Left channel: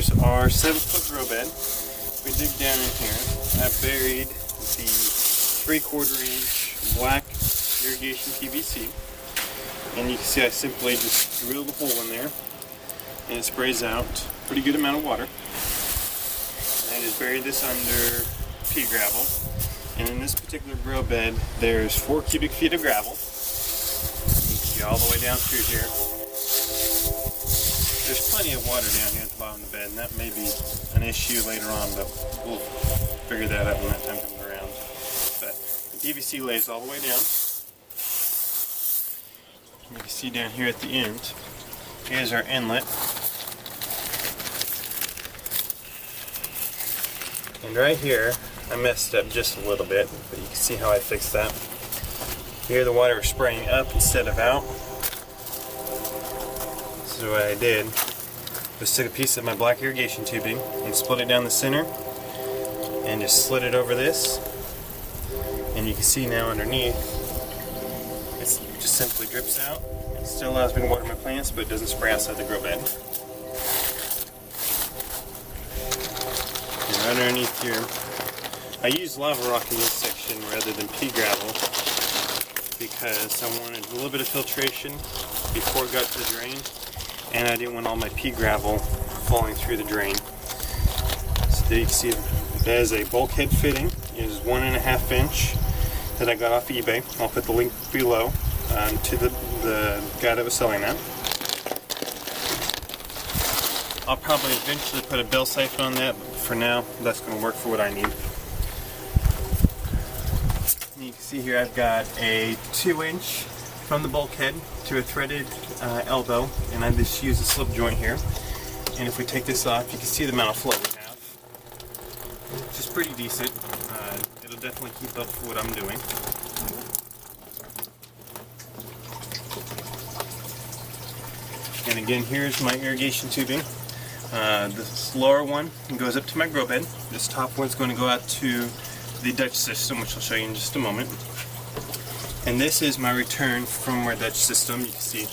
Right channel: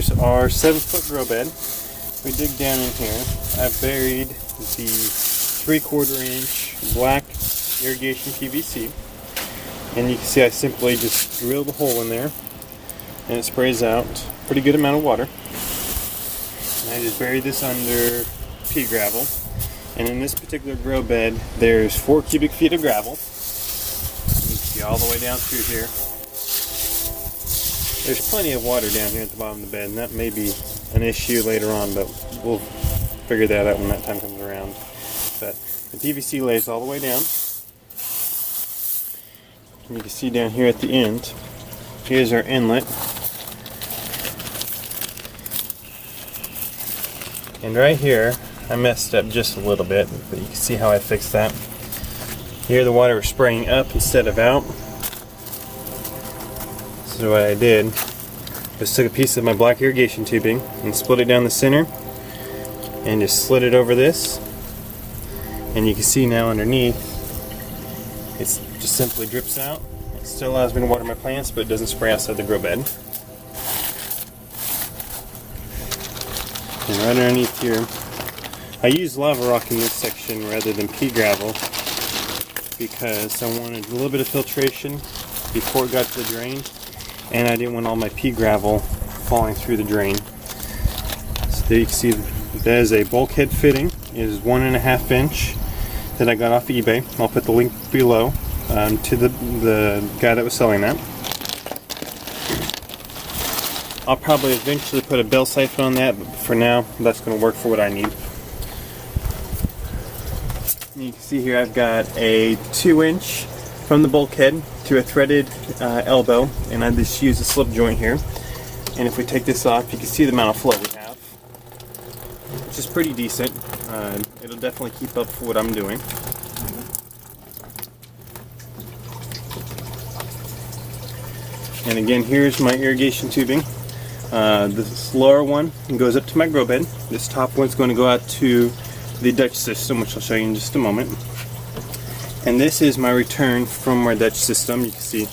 here's our 7-foot grow bed. We dig down in here. I buried the 3/4 inch black irrigation PVC. And you can see I simply just drill the hole in there and it sprays out a pretty good amount of water. And I just bury this under pea gravel. And in this particular grow bed, there's 4 cubic feet of gravel. And you can see all the way down through here. There's plenty of water down here at the bottom of the bed, and that may be an issue later on, but we'll figure that out when that time comes around. But the PVC lays all the way down. And you can see down here at the end, here's our inlet. And right here, I messed up just a little bit, but you can see how I fixed that. Here the water was spraying up instead of out. So what I did was took a piece of my black irrigation tubing and split it down the center and just slid it over this. And you can see now underneath, it just simply drips out. It still allows me to water my plants, but it doesn't spray outside the grow bed. And right underneath here, I used lava rock in this section rather than pea gravel because I wanted a little bit of filtration before it got to the drain, and I didn't want all my pea gravel falling through the drain. So there you can see that is a bulkhead fitting. It is 1.5 inch that I got off eBay. I'll put the link below to the guy that was selling that. I'll probably eventually put a bell siphon on that, but for now that's going to work for what I need. You can see here I've got a 2-inch from the bulkhead to a threaded elbow, and I just use a slip joint here. And if we take this off, you can see the amount of flow we have, which is pretty decent. It'll definitely keep up for what I'm doing. And again, here's my irrigation tubing. This lower one goes up to my grow bed. This top one's going to go out to the Dutch system, which I'll show you in just a moment. And this is my return from my Dutch system. You can see,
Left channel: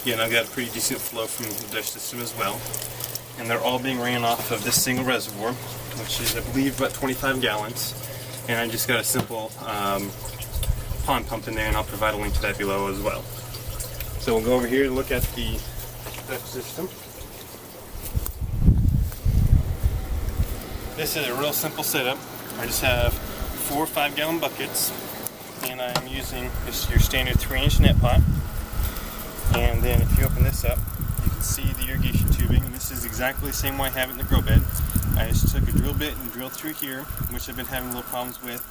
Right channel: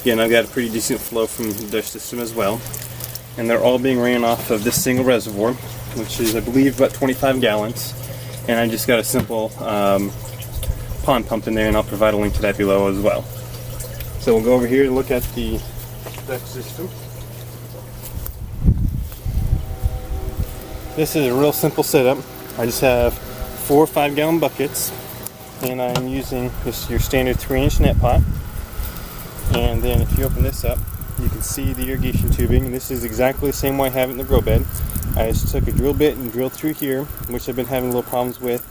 again, I've got a pretty decent flow from the Dutch system as well. And they're all being ran off of this single reservoir, which is, I believe, about 25 gallons. And I just got a simple pond pump in there, and I'll provide a link to that below as well. So we'll go over here and look at the Dutch system. This is a real simple setup. I just have 4 5-gallon buckets, and I'm using this your standard 3-inch net pot. And then if you open this up, you can see the irrigation tubing, and this is exactly the same way I have it in the grow bed. I just took a drill bit and drilled through here, which I've been having little problems with.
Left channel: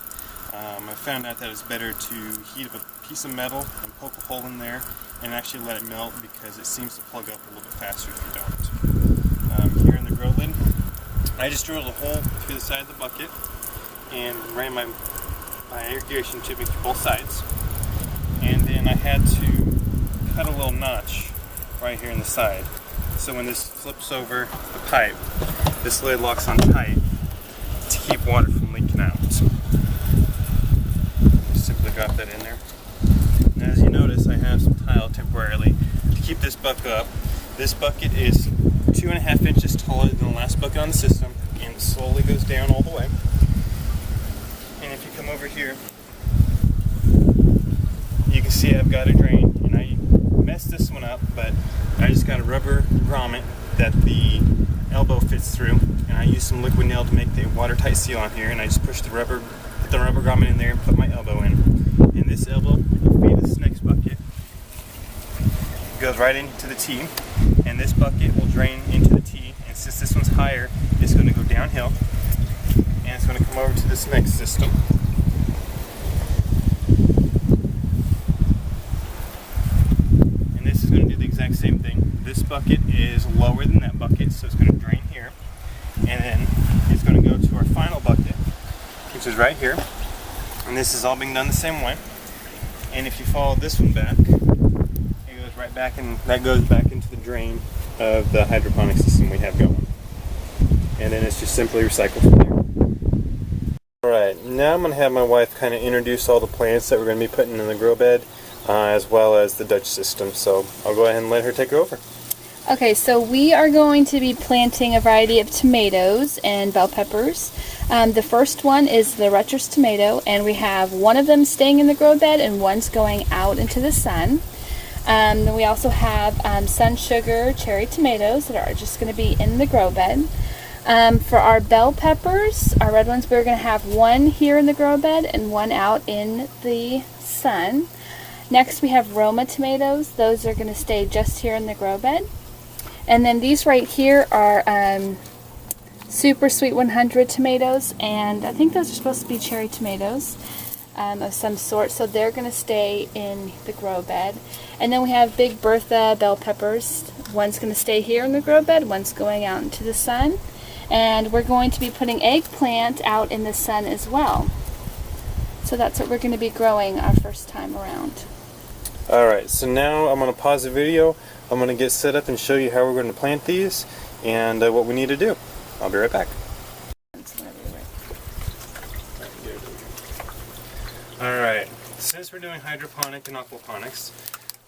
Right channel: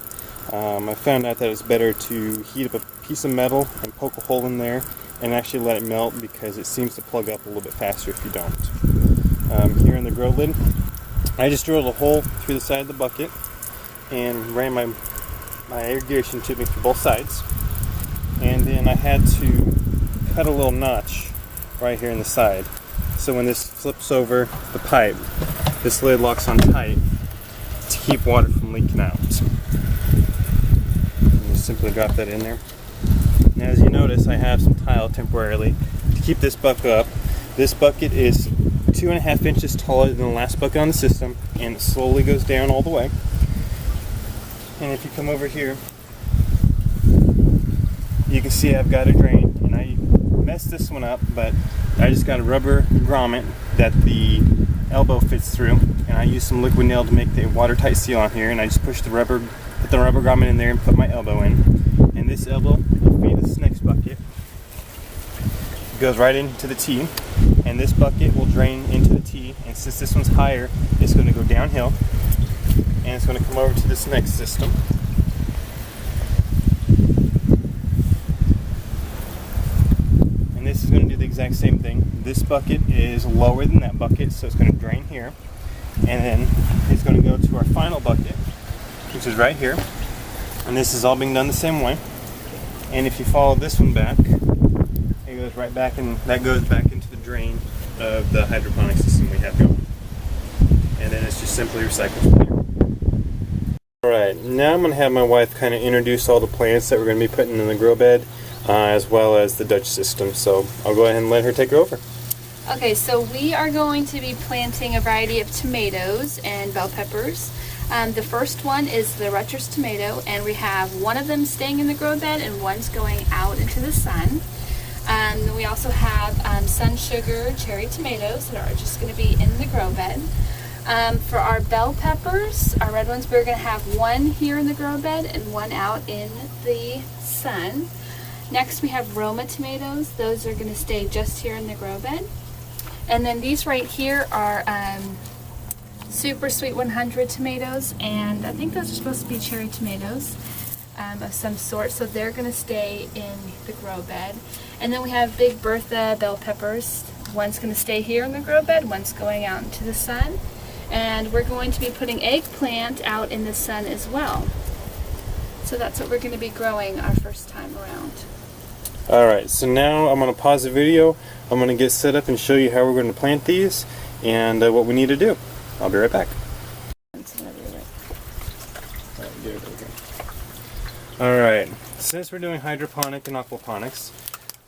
I found out that it's better to heat up a piece of metal and poke a hole in there and actually let it melt, because it seems to plug up a little bit faster if you don't. Here in the grow lid, I just drilled a hole through the side of the bucket and ran my irrigation tubing to both sides. And then I had to cut a little notch right here in the side. So when this flips over the pipe, this lid locks on tight to keep water from leaking out. And just simply drop that in there. And as you notice, I have some tile temporarily to keep this bucket up. This bucket is 2.5 inches taller than the last bucket on the system, and it slowly goes down all the way. And if you come over here, you can see I've got a drain, and I messed this one up, but I just got a rubber grommet that the elbow fits through, and I used some liquid nail to make the watertight seal on here, and I just put the rubber grommet in there and put my elbow in. And this elbow will feed this next bucket. It goes right into the T, and this bucket will drain into the T, and since this one's higher, it's going to go downhill, and it's going to come over to this next system. And this is going to do the exact same thing. This bucket is lower than that bucket, so it's going to drain here, and then it's going to go to our final bucket, which is right here. And this is all being done the same way. And if you follow this one back, it goes right back, and that goes back into the drain of the hydroponic system we have going. And then it's just simply recycled from here. Alright, now I'm going to have my wife kind of introduce all the plants that we're going to be putting in the grow bed, as well as the Dutch system. So I'll go ahead and let her take it over. Okay, so we are going to be planting a variety of tomatoes and bell peppers. The first one is the Rutgers tomato, and we have one of them staying in the grow bed and one's going out into the sun. Then we also have sun sugar cherry tomatoes that are just going to be in the grow bed. For our bell peppers, our red ones, we're going to have one here in the grow bed and one out in the sun. Next we have Roma tomatoes. Those are going to stay just here in the grow bed. And then these right here are Super Sweet 100 tomatoes, and I think those are supposed to be cherry tomatoes of some sort, so they're going to stay in the grow bed. And then we have Big Bertha bell peppers. One's going to stay here in the grow bed, one's going out into the sun. And we're going to be putting eggplant out in the sun as well. So that's what we're going to be growing our first time around. Alright, so now I'm going to pause the video. I'm going to get set up and show you how we're going to plant these and what we need to do. I'll be right back. Alright, since we're doing hydroponic and aquaponics,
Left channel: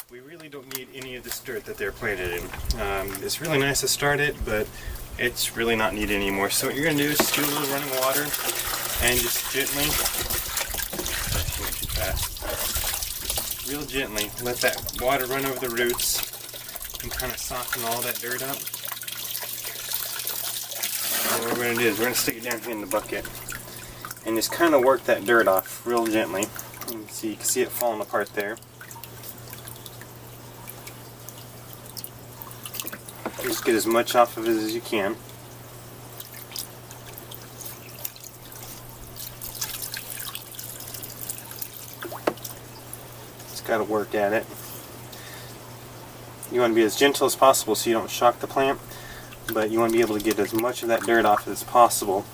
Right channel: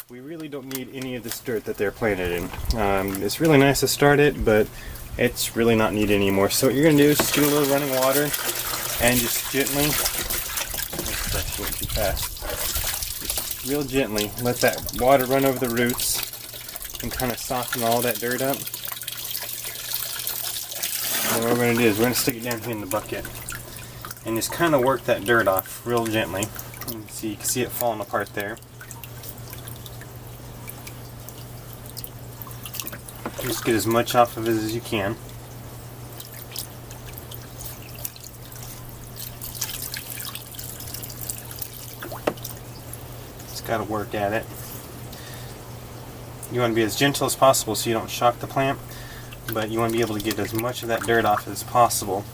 we really don't need any of this dirt that they're planted in. It's really nice to start it, but it's really not needed anymore. So what you're going to do is just do a little running water and just gently, that's going too fast, just real gently let that water run over the roots and kind of soften all that dirt up. So what we're going to do is we're going to stick it down here in the bucket and just kind of work that dirt off real gently. And so you can see it falling apart there. Just get as much off of it as you can. Just got to work at it. You want to be as gentle as possible so you don't shock the plant, but you want to be able to get as much of that dirt off as possible.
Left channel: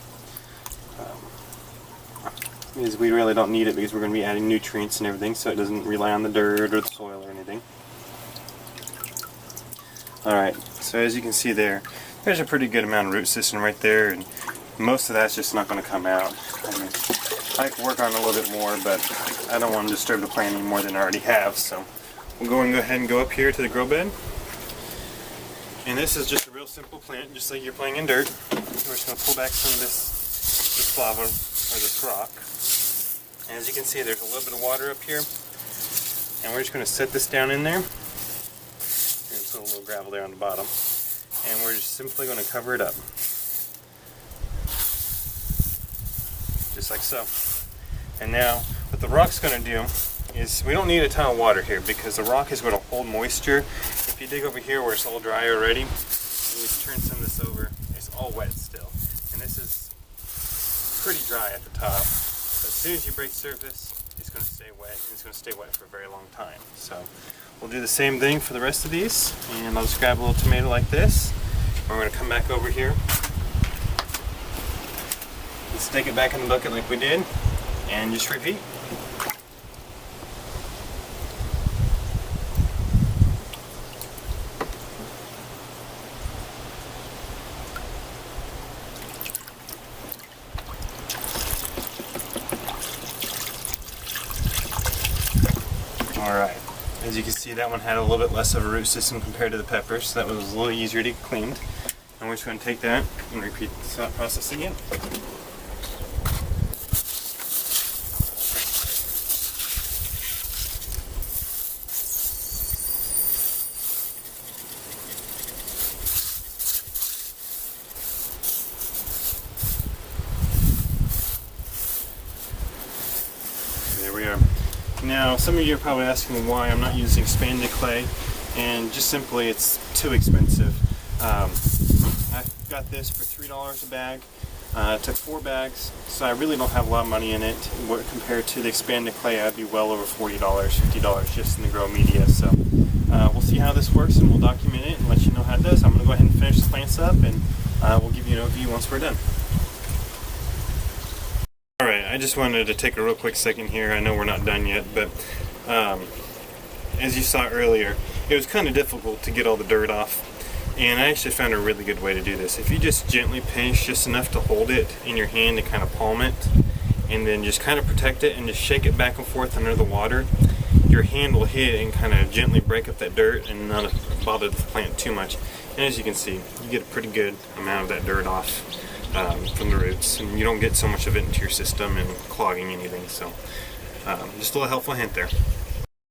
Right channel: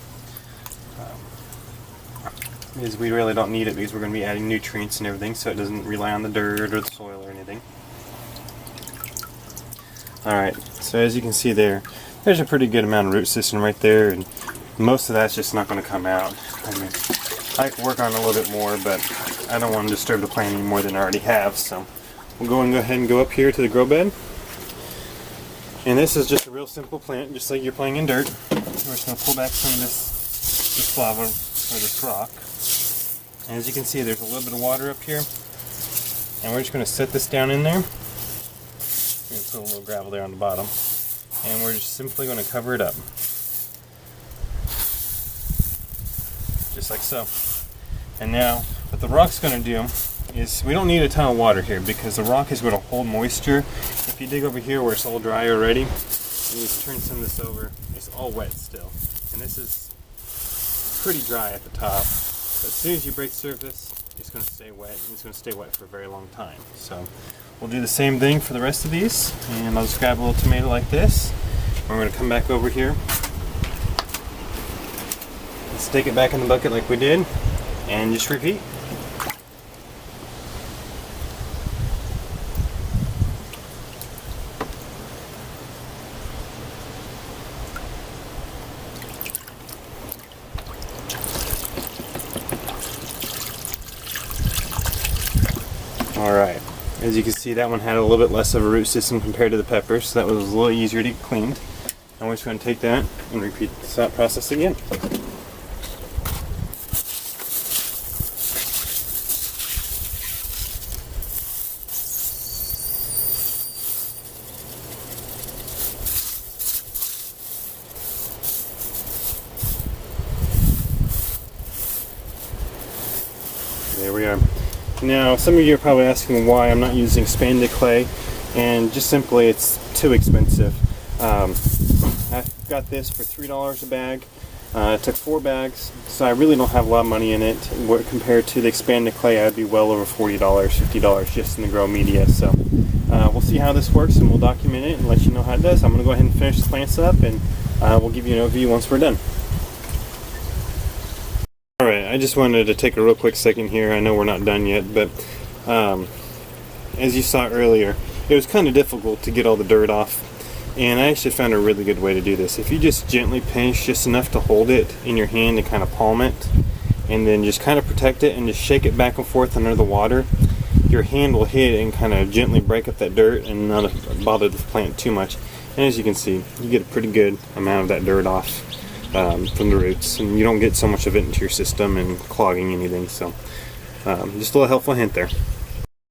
Because we really don't need it because we're going to be adding nutrients and everything, so it doesn't rely on the dirt or the soil or anything. Alright, so as you can see there's a pretty good amount of root system right there, and most of that's just not going to come out. I mean, I can work on it a little bit more, but I don't want to disturb the plant any more than I already have, so we'll go ahead and go up here to the grow bed. And this is just a real simple plant, just like you're playing in dirt. We're just going to pull back some of this lava, or this rock. And as you can see, there's a little bit of water up here. And we're just going to set this down in there. Put a little gravel there on the bottom, and we're just simply going to cover it up, just like so. And now what the rock's going to do is, we don't need a ton of water here because the rock is going to hold moisture. If you dig over here where it's all dry already, and you just turn some of this over, it's all wet still, and this is pretty dry at the top, but as soon as you break surface, it's going to stay wet, and it's going to stay wet for a very long time. So we'll do the same thing for the rest of these, and I'll just grab a little tomato like this. We're going to come back over here and stick it back in the bucket like we did, and just repeat. Alright, as you can see, that one had a little bit less of a root system compared to the peppers, so that was a little easier to get cleaned. And we're just going to take that and repeat that process again. There we are. Now, some of you are probably asking why I'm not using expanded clay, and just simply it's too expensive. I got this for $3 a bag. It took 4 bags, so I really don't have a lot of money in it. Compared to the expanded clay, I'd be well over $40, $50 just in the grow media. So we'll see how this works, and we'll document it and let you know how it does. I'm going to go ahead and finish the plants up, and we'll give you an overview once we're done. Alright, I just wanted to take a real quick second here. I know we're not done yet, but as you saw earlier, it was kind of difficult to get all the dirt off, and I actually found a really good way to do this. If you just gently pinch just enough to hold it in your hand and kind of palm it, and then just kind of protect it and just shake it back and forth under the water, your hand will hit and kind of gently break up that dirt and not bother the plant too much. And as you can see, you get a pretty good amount of that dirt off from the roots, and you don't get so much of it into your system and clogging anything. So just a little helpful hint there.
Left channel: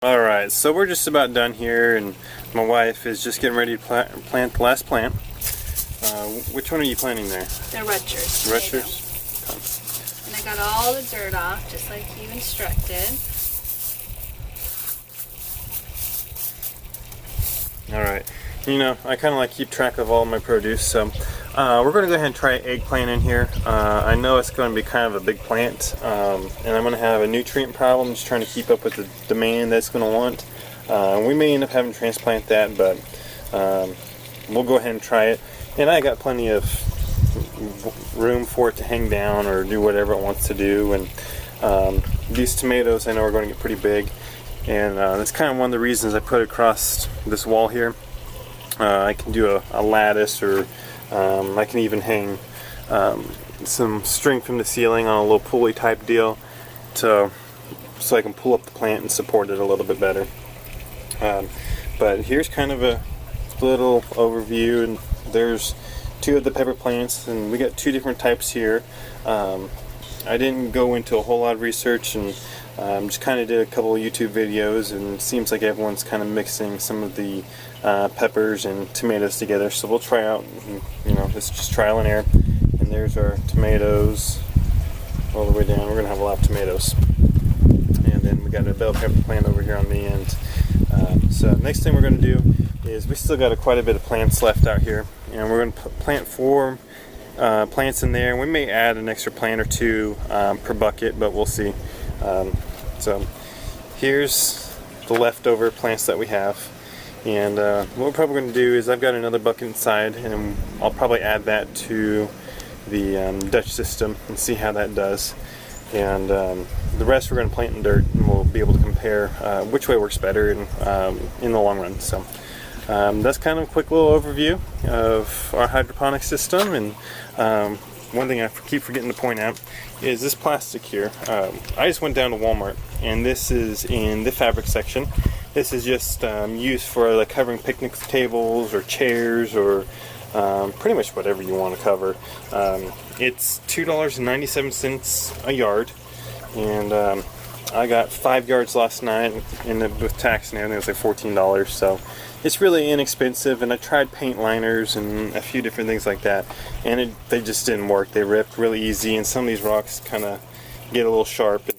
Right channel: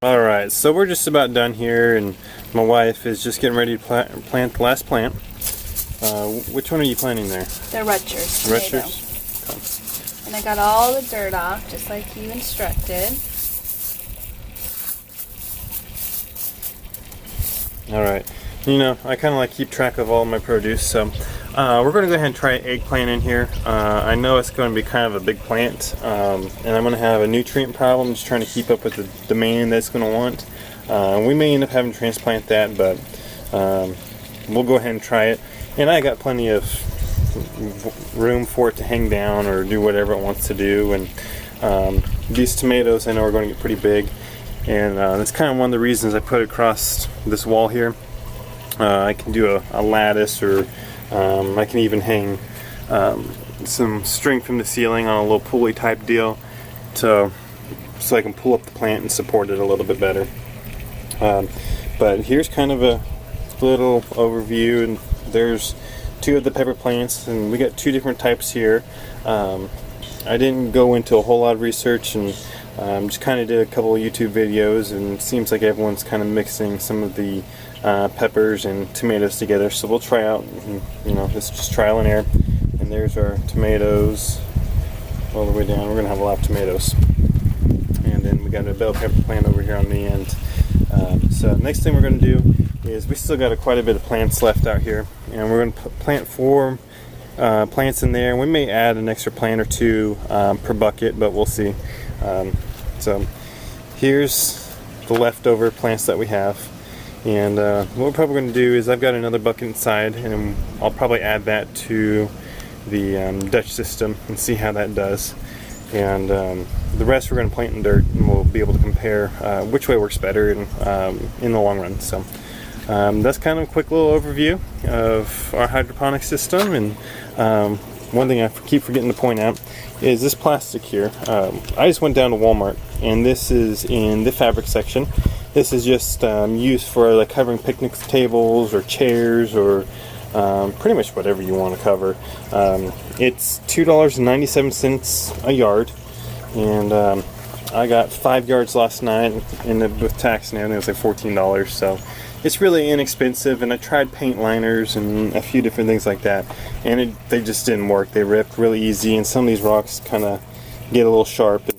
Alright, so we're just about done here, and my wife is just getting ready to plant the last plant. Which one are you planting there? The Rutgers. Rutgers? Okay. And I got all the dirt off, just like you instructed. Alright, you know, I kind of like keep track of all my produce, so we're going to go ahead and try eggplant in here. I know it's going to be kind of a big plant, and I'm going to have a nutrient problem just trying to keep up with the demand that's going to want. We may end up having to transplant that, but we'll go ahead and try it. And I got plenty of room for it to hang down or do whatever it wants to do. And these tomatoes I know are going to get pretty big, and that's kind of one of the reasons I put it across this wall here. I can do a lattice, or I can even hang some string from the ceiling on a little pulley type deal so I can pull up the plant and support it a little bit better. But here's kind of a little overview, and there's two of the pepper plants, and we got two different types here. I didn't go into a whole lot of research, and just kind of did a couple of YouTube videos, and it seems like everyone's kind of mixing some of the peppers and tomatoes together. So we'll try out, you know, it's just trial and error. And there's our tomatoes all the way down. We're gonna have a lot of tomatoes, and then we got a bell pepper plant over here on the end. So next thing we're going to do is, we still got quite a bit of plants left out here, and we're going to plant 4 plants in there. We may add an extra plant or 2 per bucket, but we'll see. So here's the leftover plants that we have, and what we're probably going to do is, I've got another bucket inside, and I'll probably add that to the Dutch system and see how that does. And the rest we're going to plant in dirt, and we'll be able to compare which way works better in the long run. So that's kind of a quick little overview of our hydroponic system. And one thing I keep forgetting to point out is this plastic here. I just went down to Walmart, and this is in the fabric section. This is just used for like covering picnic tables or chairs, or pretty much whatever you want to cover. It's $2.97 a yard, and I got 5 yards last night, and with tax and everything it was like $14, so it's really inexpensive. And I tried paint liners and a few different things like that, and they just didn't work. They ripped really easy, and some of these rocks kind of get a little sharp, and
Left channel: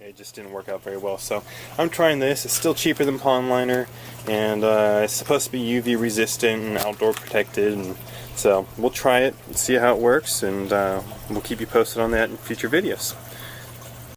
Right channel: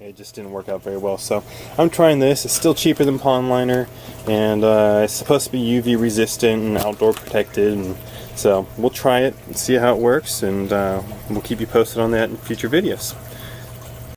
it just didn't work out very well. So I'm trying this. It's still cheaper than pond liner, and it's supposed to be UV resistant and outdoor protected, and so we'll try it and see how it works, and we'll keep you posted on that in future videos.